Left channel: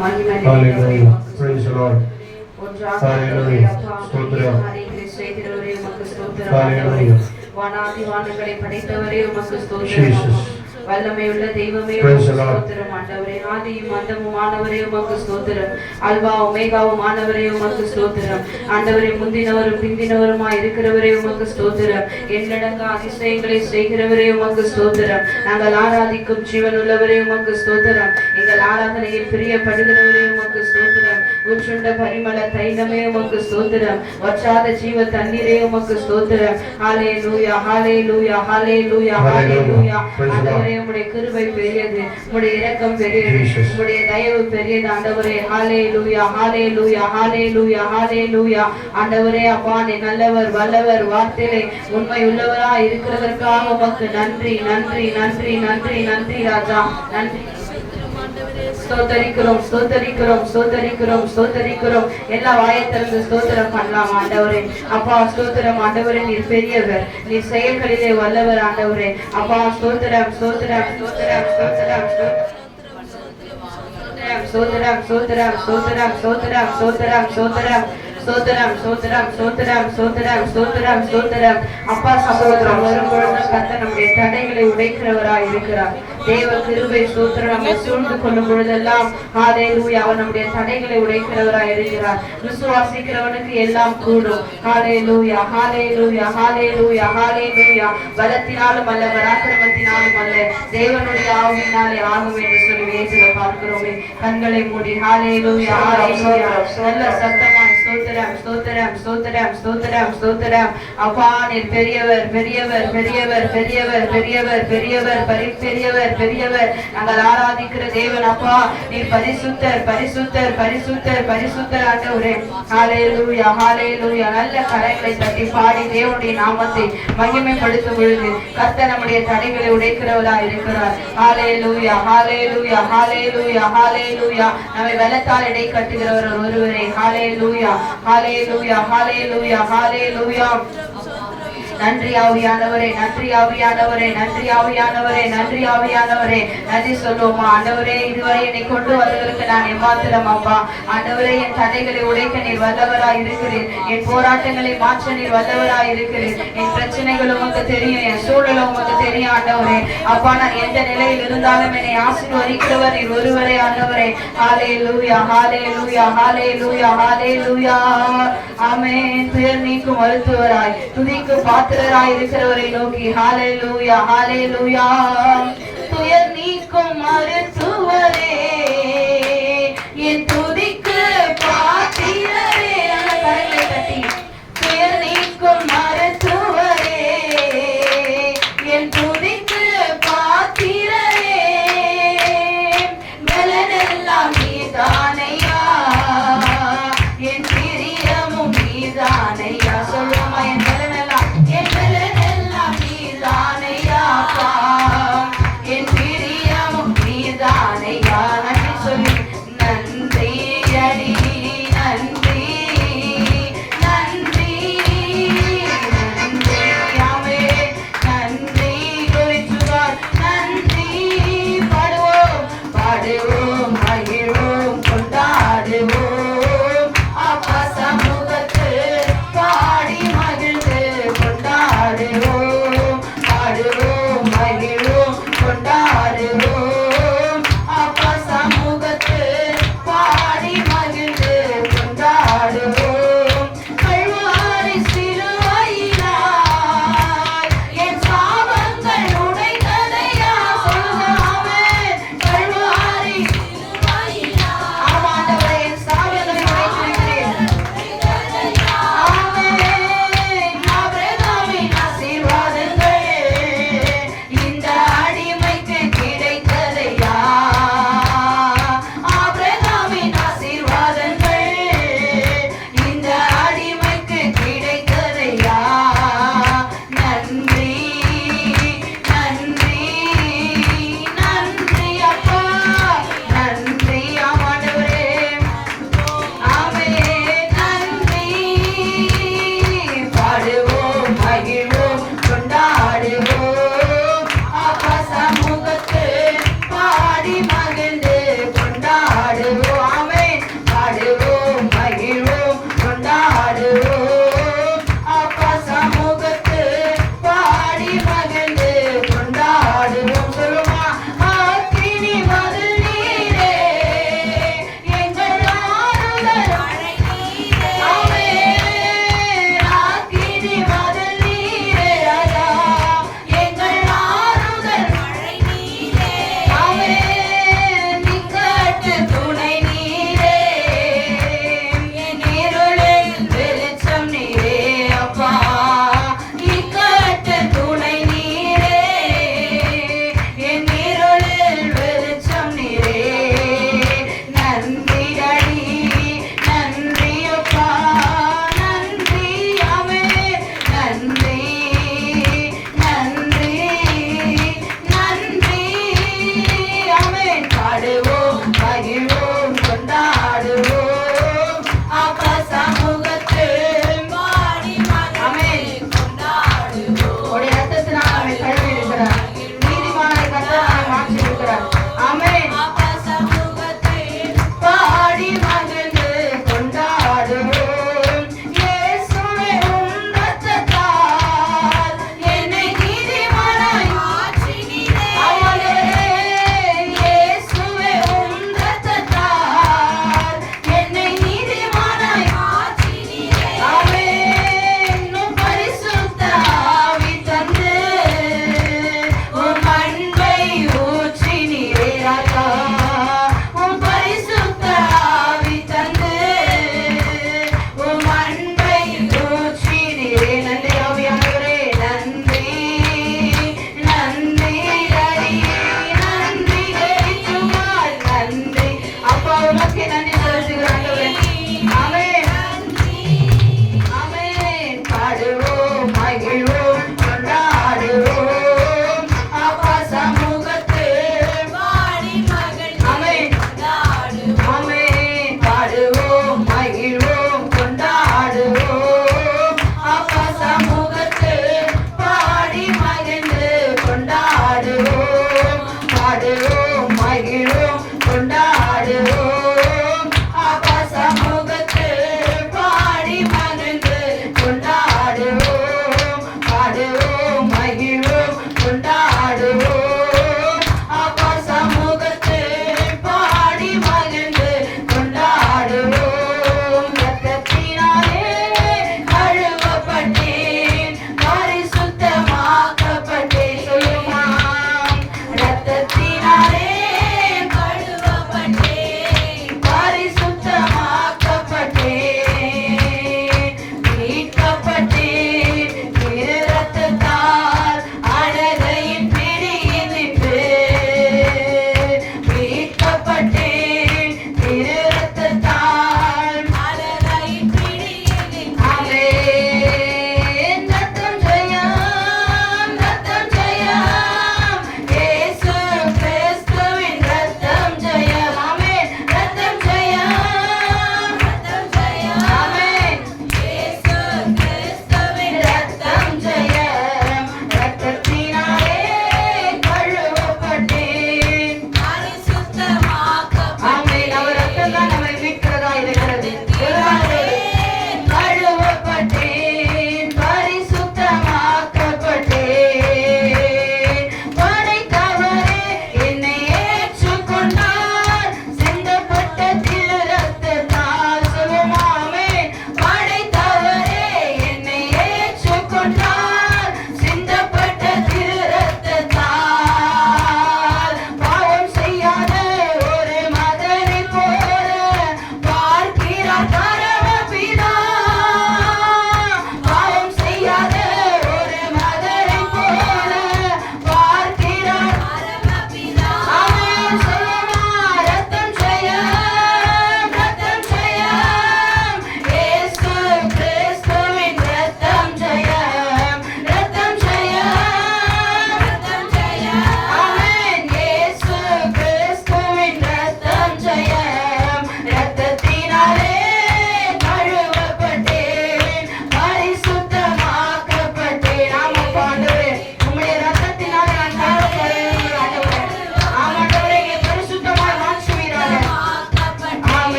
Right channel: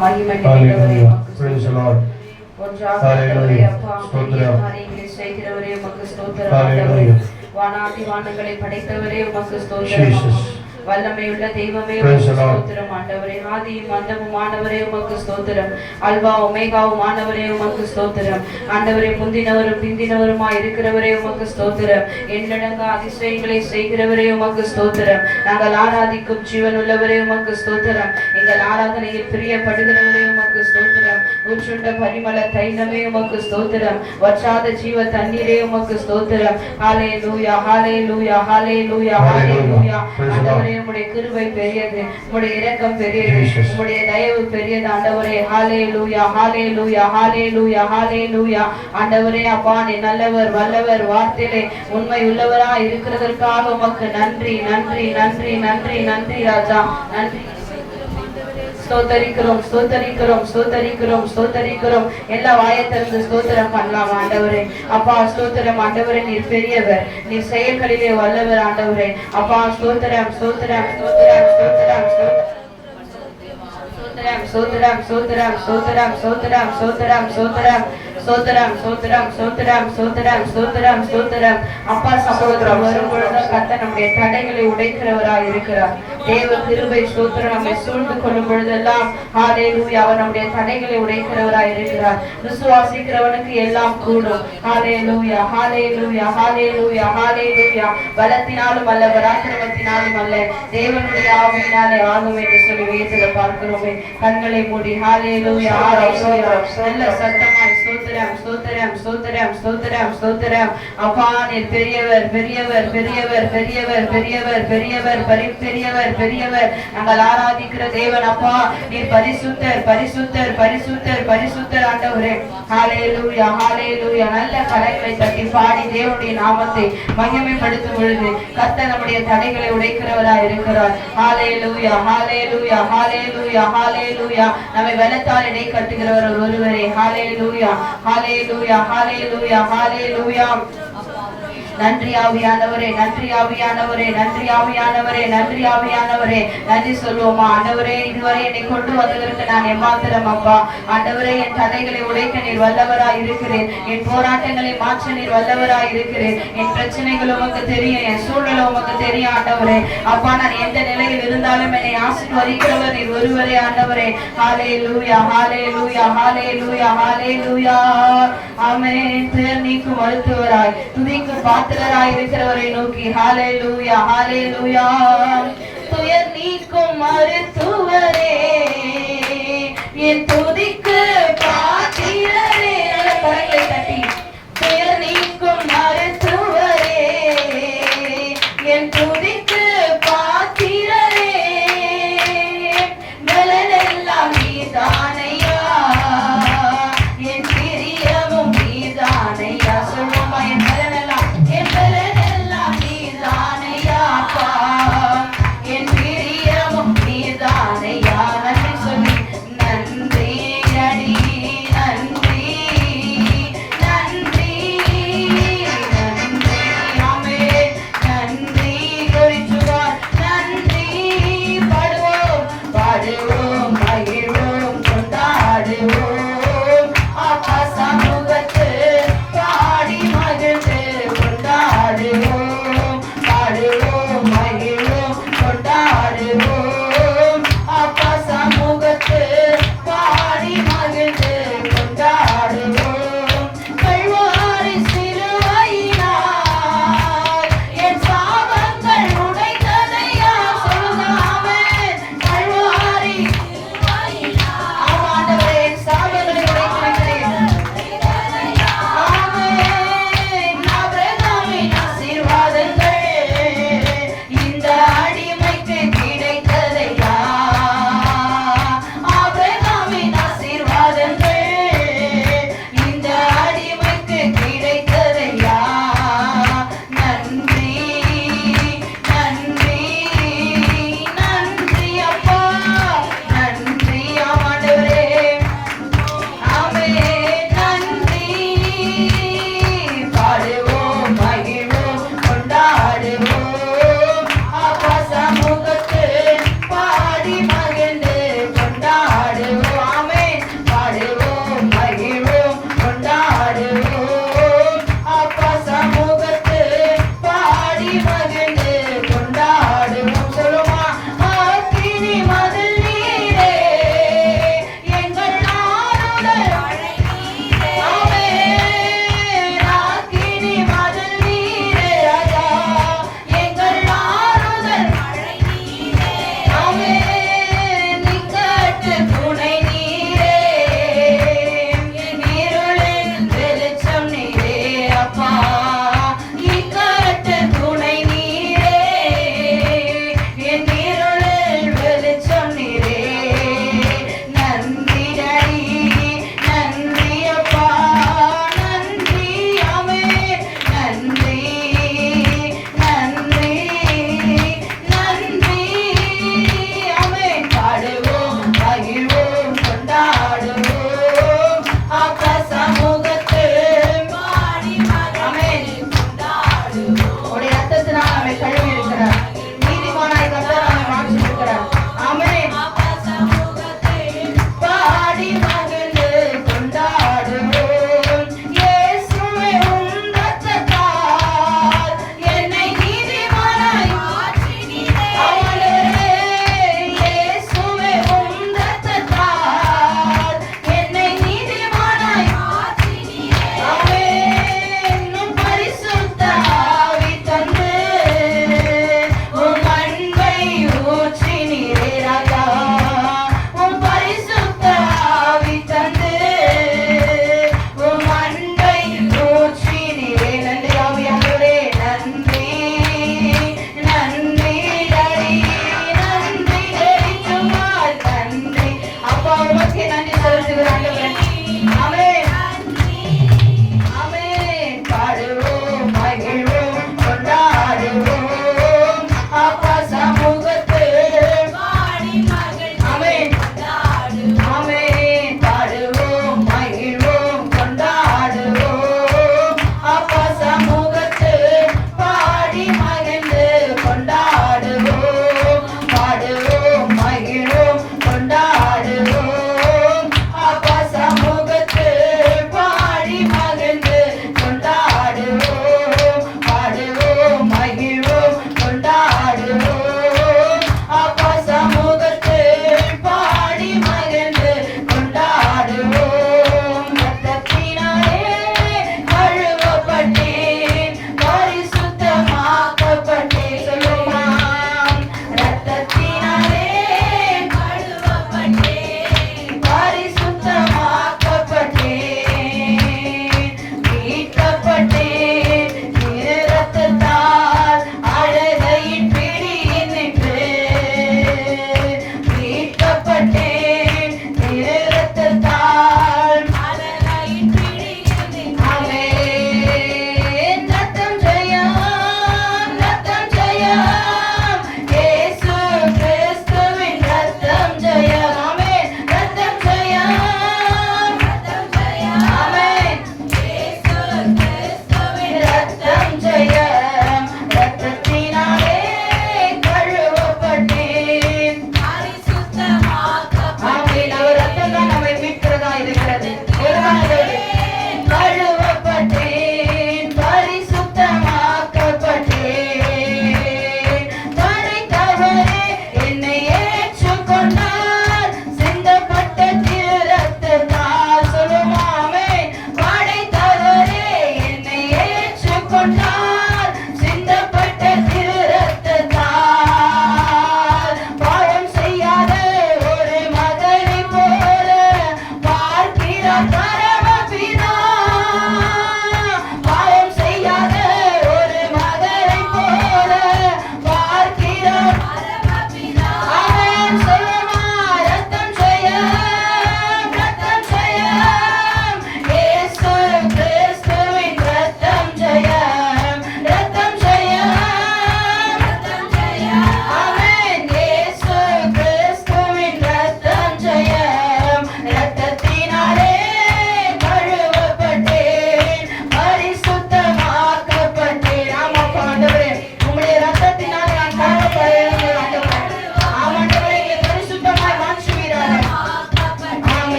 Hallelujah. Praise the Lord. Hallelujah. Hallelujah. Jesus. வல்லமையுள்ள தெய்வமே ஸ்தோத்திரம் ஆண்டவரே. ஆதியும் அந்தமுமானவரே உமக்கு ஸ்தோத்திரம். அல்வா ஒமேகாவுமானவரே உமக்கு ஸ்தோத்திரம். ஆண்டவரே முந்தினவரும் பிந்தினவருமாய் இருக்கிறவரே உமக்கு ஸ்தோத்திரம். எண்ணடங்கா அதிசயங்களை செய்கிறவரே உமக்கு ஸ்தோத்திரம். நாங்கள் ஆராதிக்கும் ஜீவனுள்ளவரே உமக்கு ஸ்தோத்திரம். எங்கள் ஆராதனையில் பிரியப்படுகிறவரே உமக்கு ஸ்தோத்திரம். உற்றுண்ட பரிமள தைலமே உமக்கு ஸ்தோத்திரம். வற்றாத ஜீவ தண்ணீரே உமக்கு ஸ்தோத்திரம். ஹல்லேலூயா ஹல்லேலூயா ஹல்லேலூயா ஹல்லேலூயா. ஆண்டவரே உம்முடைய கிருபை பெரியது, உம்முடைய இரக்கம் பெரியது, உம்முடைய தயவு பெரியது ஆண்டவரே. ஹல்லேலூயா ஹல்லேலூயா ஹல்லேலூயா ஹல்லேலூயா. ஆண்டவரே அப்பா நீ நல்லவர் வல்லவர், வார்த்தையிலே உண்மை உள்ளவரா இருக்கிறதற்காக உமக்கு நன்றி நன்றி நன்றி நன்றி நன்றி ராஜா. நன்றி ஸ்தோத்தரிக்கிறோம் ஸ்தோத்தரிக்கிறோம் ஸ்தோத்தரிக்கிறோம் ஸ்தோத்தரிக்கிறோம். எல்லா வாயத்திலிருந்து ஸ்தோத்திரம் பண்ணலாம் ஆண்டவரே. அப்பா ஸ்தோத்திரம் ஆண்டவரே. நீர் பெரியவர், நீர் செயல்களிலே வல்லவர் ஆண்டவரே. அப்பா ஸ்தோத்திரம் ஸ்தோத்திரம் ஸ்தோத்திரம் ஸ்தோத்திரம் ஸ்தோத்திரம் ஸ்தோத்திரம் ஸ்தோத்திரம் ஸ்தோத்திரம் ஸ்தோத்திரம் ஸ்தோத்திரம் ஸ்தோத்திரம் ஸ்தோத்திரம் ஸ்தோத்திரம் ஸ்தோத்திரம் ஸ்தோத்திரம் ஸ்தோத்திரம். அப்பா சகோதரம் வரும் பொழுது கர்த்தர் நம்முடைய தடைகளை உடைக்கிறவராய் இருக்கிறார். தேவ கிருபை ஸ்தோத்திரம் நம்மை சூழ்ந்து கொள்ளும் பொழுதெல்லாம் ஹல்லேலூயா அவர் நம்முடைய தடைகளை உடைக்கிறவராய் இருக்கிறார். விசுவாசிக்கிறவனுக்கு எல்லாம் கூடும். ஹல்லேலூயா ஹல்லேலூயா ஹல்லேலூயா ஹல்லேலூயா. பலத்தினாலும் அல்ல பராக்கிரமத்தினாலும் அல்ல, தேவனுடைய ஆவியினாலே ஆகும் என்று சொல்லி வேதத்துல பார்க்கிறோமே. கண்களை மூடி ஹல்லேலூயா ஹல்லேலூயா நல்ல சத்தமாய் ஸ்தோத்திரம் ஸ்தோத்திரம் ஸ்தோத்திரம் ஸ்தோத்திரம் ஸ்தோத்திரம். அப்பா நீர் பெரியவர் பெரியவர் பெரியவர் பெரியவர் பெரியவர் பெரியவர் பெரியவர் பெரியவர். நாங்கள் ஆராதிக்கிற தேவன் அப்பா நீர் பரிசுத்தர் பரிசுத்தர் பரிசுத்தர் பரிசுத்தர் ஆண்டவரே. ஹல்லேலூயா ஹல்லேலூயா. நல்ல கரங்களை தட்டி பாடி தேவனுடைய நாமத்தை மகிமைப்படுத்தும் பொழுது கர்த்தர் நம்முடைய தடைகளை உடைக்கிறவராய் இருக்கிறார். ஹல்லேலூயா ஹல்லேலூயா ஹல்லேலூயா ஹல்லேலூயா. நம்மை பலத்தால் இடை கட்டுகிறவர் ஒருவரே. ஹல்லேலூயா ஹல்லேலூயா ஹல்லேலூயா ஹல்லேலூயா. நன்றி ஆவியானவரே நன்றி ஆவியானவரே நன்றி ஆவியானவரே நன்றி ஆவியானவரே. நன்றி சொல்லுவோமா ஆண்டவரே. இதுவரை என்னை கொண்டு வந்ததற்கு நான் எம்மாத்திரம் அப்பா. ஆண்டவரே என் தடைகளை உடைக்க நீர் வல்லவராய் இருக்கிறேன். என் போராட்டங்களை மாற்ற நீர் வல்லவராய் இருக்கிறேன். என் பிரச்சனைகள் உமக்கு தெரியும், என் சூழ்நிலை உமக்கு தெரியும் ஆண்டவரே. அப்பா நான் எந்த நிலையில் இருந்தாலும் என்னை ஆசீர்வதிக்கிறவர் நீர் ஒருவரே ஆண்டவரே. ஹல்லேலூயா ஹல்லேலூயா ஹல்லேலூயா ஹல்லேலூயா. ஆமென். துயர் நீக்கும் மருத்துவராய் துதிக்கும் பாத்திரராய் இருக்கிறவரை நோக்கி ஹல்லேலூயா ஹல்லேலூயா. துயர் நீக்கும் மருத்துவரே என் துதிக்கு பாத்திரரே. கரங்களை தட்டி துயர் நீக்கும் மருத்துவரே என் துதிக்கு பாத்திரரே. பலனெல்லாம் நீதானையா, என் பிரியமும் நீதானையா. சொல்லுமா என் பலனெல்லாம் என் பலனெல்லாம் நீதானையா, என் பிரியமும் நீதானையா. நன்றி சொல்லி நன்றி அடி நன்றி நன்றி நன்றி. ஆமென். நன்றி குறிச்சுவார் நன்றி பாடுவோம் பாடுவோம் மகிழ்வோம்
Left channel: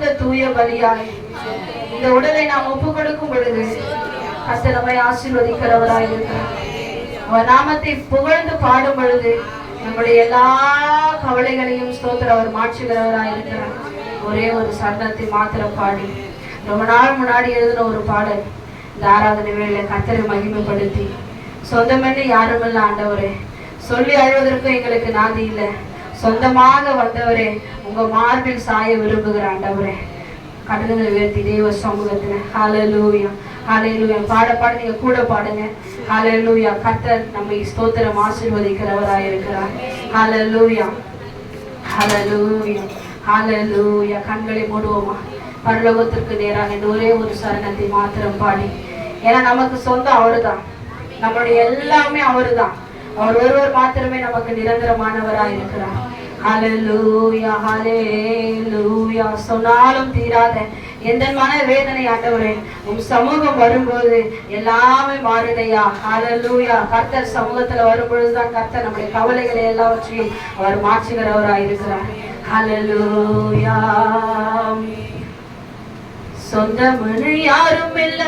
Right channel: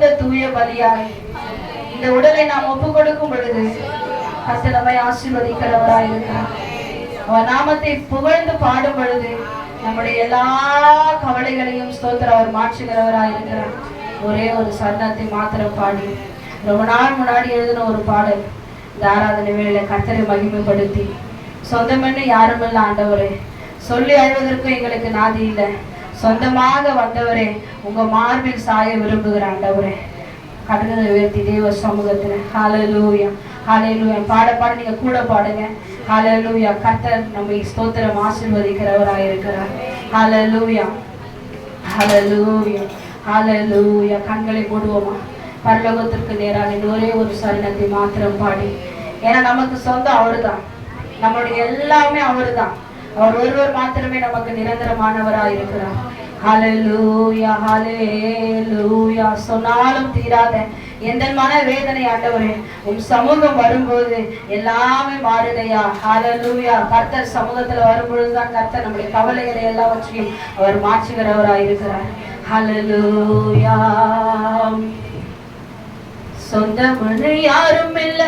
சிறந்த தூய பலியாய் இந்த உடலை நாம் ஒப்பு கொடுக்கும் பொழுது கர்த்தர் நம்மை ஆசீர்வதிக்கிறவராய் இருக்கிறார். அவர் நாமத்தை புகழ்ந்து பாடும் பொழுது நம்முடைய எல்லா கவலைகளையும் ஸ்தோத்திரம் அவர் மாற்றுகிறவராய் இருக்கிறார். ஒரே ஒரு சரணத்தை மாத்திரம் பாடி ரொம்ப நாள் முன்னாடி எழுதின ஒரு பாடல் இந்த ஆராதனை வேளையில கர்த்தரை மகிமைப்படுத்தி, சொந்தமென்னு யாருமில்ல ஆண்டவரே, சொல்லி அழுவதற்கும் எங்களுக்கு நாதி இல்லை, சொந்தமாக வந்தவரே உங்க மார்பில் சாய விரும்புகிற ஆண்டவரே, கடலை உயர்த்தி தேவ சமூகத்துல ஹல்லேலூயா ஹல்லேலூயா பாட பாட நீங்க கூட பாடுங்க. ஹல்லேலூயா. கர்த்தர் நம்மை ஸ்தோத்திரம் ஆசீர்வதிக்கிறவராய் இருக்கிறார். ஹல்லேலூயா ஹல்லேலூயா ஹல்லேலூயா. கண்களை மூடுவோமா? பரலோகத்திற்கு நேராக இந்த ஒரே ஒரு சரணத்தை மாத்திரம் பாடி, ஏன்னா நமக்கு சொந்தம் அவருதான், நம்மளுடைய எல்லாமே அவருதான், அவர் ஒருவர் மாத்திரமே நமக்கு நிரந்தரமானவராய் இருக்கிறார். ஹல்லேலூயா ஹல்லேலூயா. சொன்னாலும் தீராத எந்த மன வேதனை ஆண்டவரே, உன் சமூகம் வரும்போது எல்லாமே மாறுதையா. ஹல்லேலூயா. கர்த்தர் சமூகத்துல வரும்பொழுதுதான் கர்த்தர் நம்முடைய கவலைகளை எல்லாவற்றையும் அவர் மாற்றுகிறவராய் இருக்கிறார். ஹல்லேலூயா. சொந்தமனு யாரும் இல்ல,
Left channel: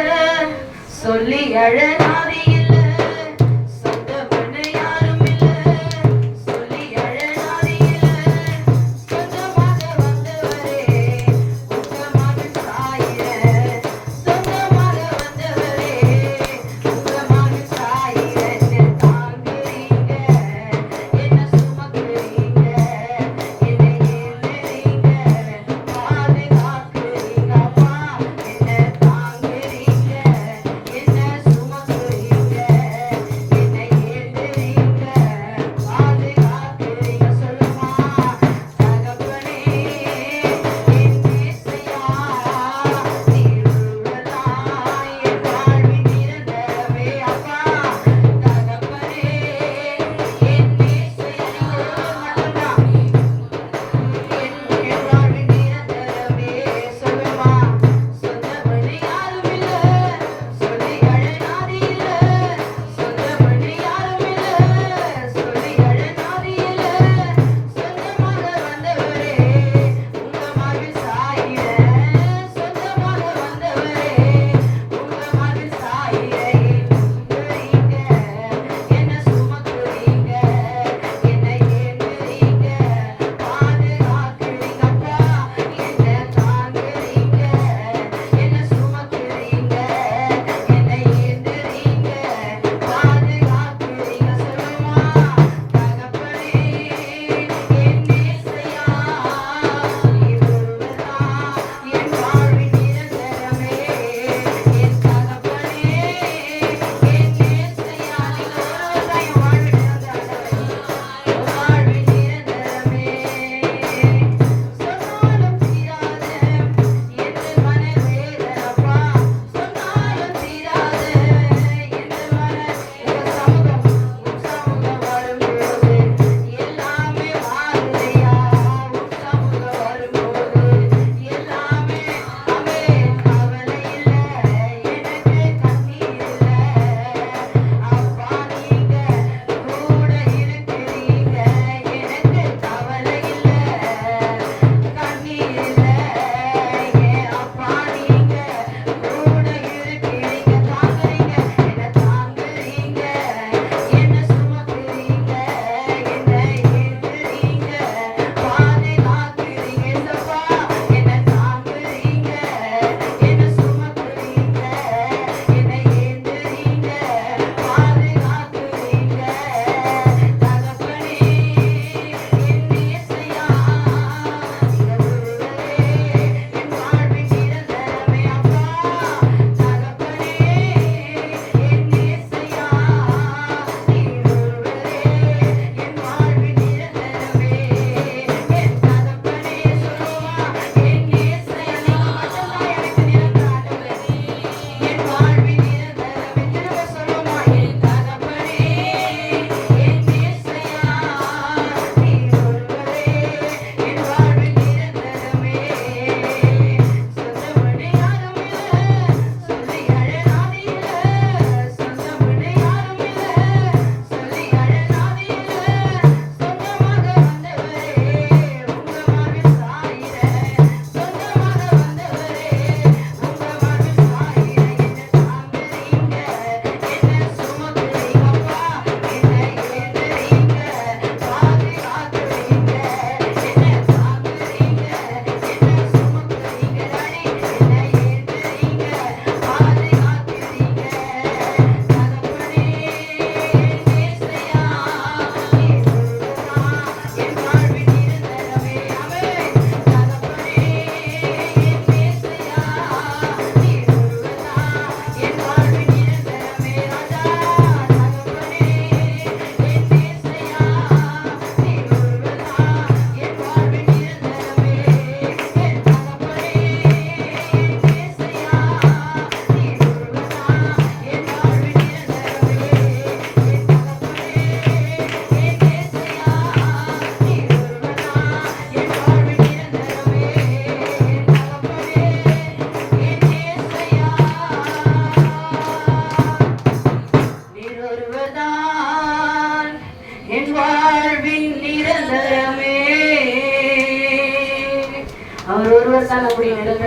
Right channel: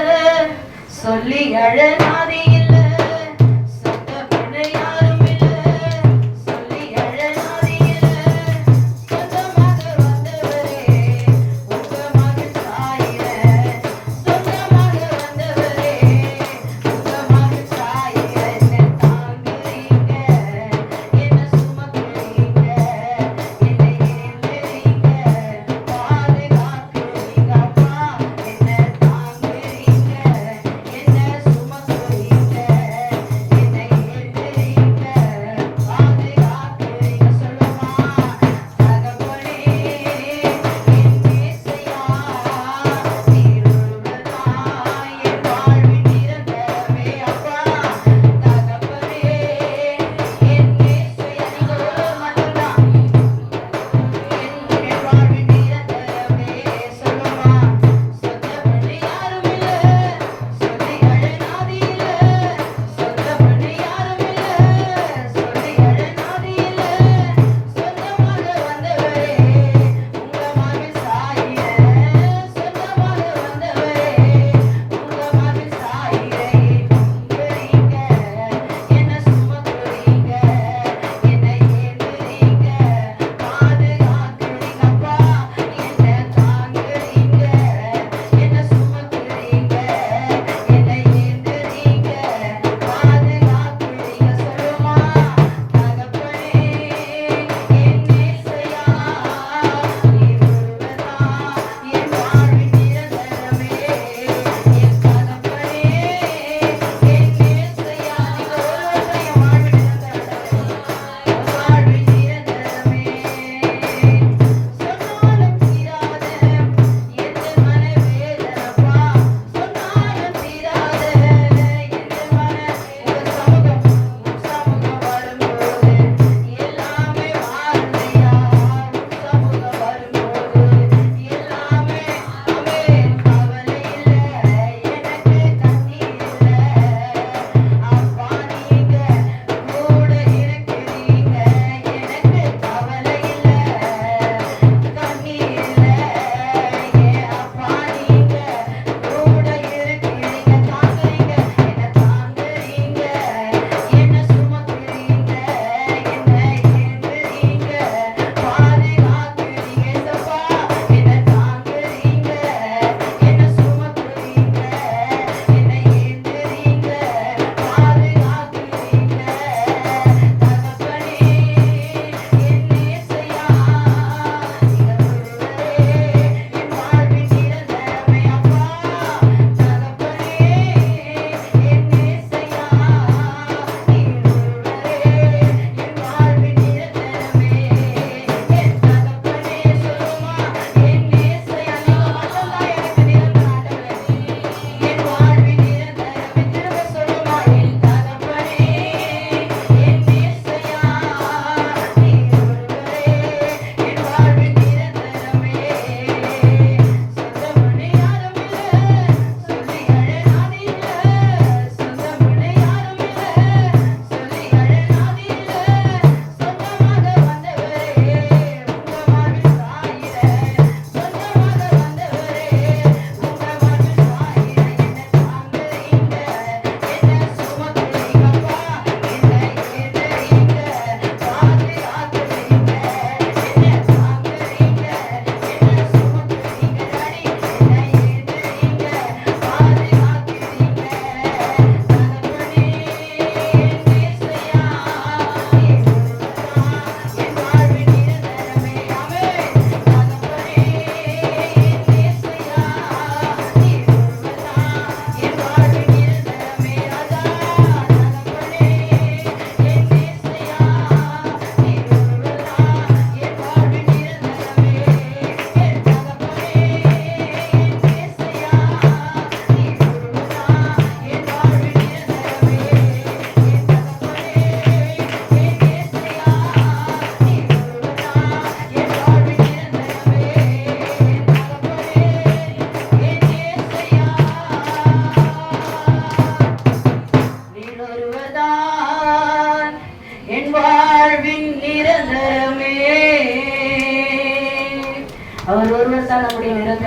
சொல்லி அழனாதி இல்ல,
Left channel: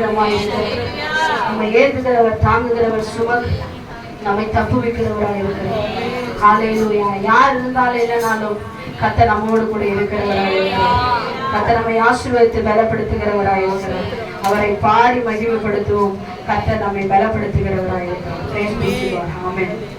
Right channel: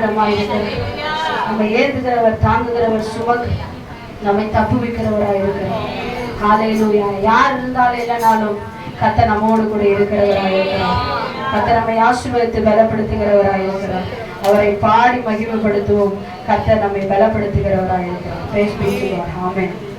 பயங்கரமா இருக்கிறார். நம்ம ஏற்றுகிறவர், தாங்குகிறவர், நம்மை தப்புவிக்கிறவராக இருக்கிறார். ஹல்லேலூயா. யார் இருந்தாலும் இல்லைனாலும் கர்த்தர் நம்மோடு கூட இருக்கிறவராக இருக்கிறார். கர்த்தர் நம்மை ஆசீர்வதித்து பலப்படுத்துகிறவராக இருக்கிறார். அவரை பாடி மகிமைப்படுத்துவோம். கர்த்தர் நம்மை பலப்படுத்துகிறவராக இருக்கிறார். Praise be to God. Amen.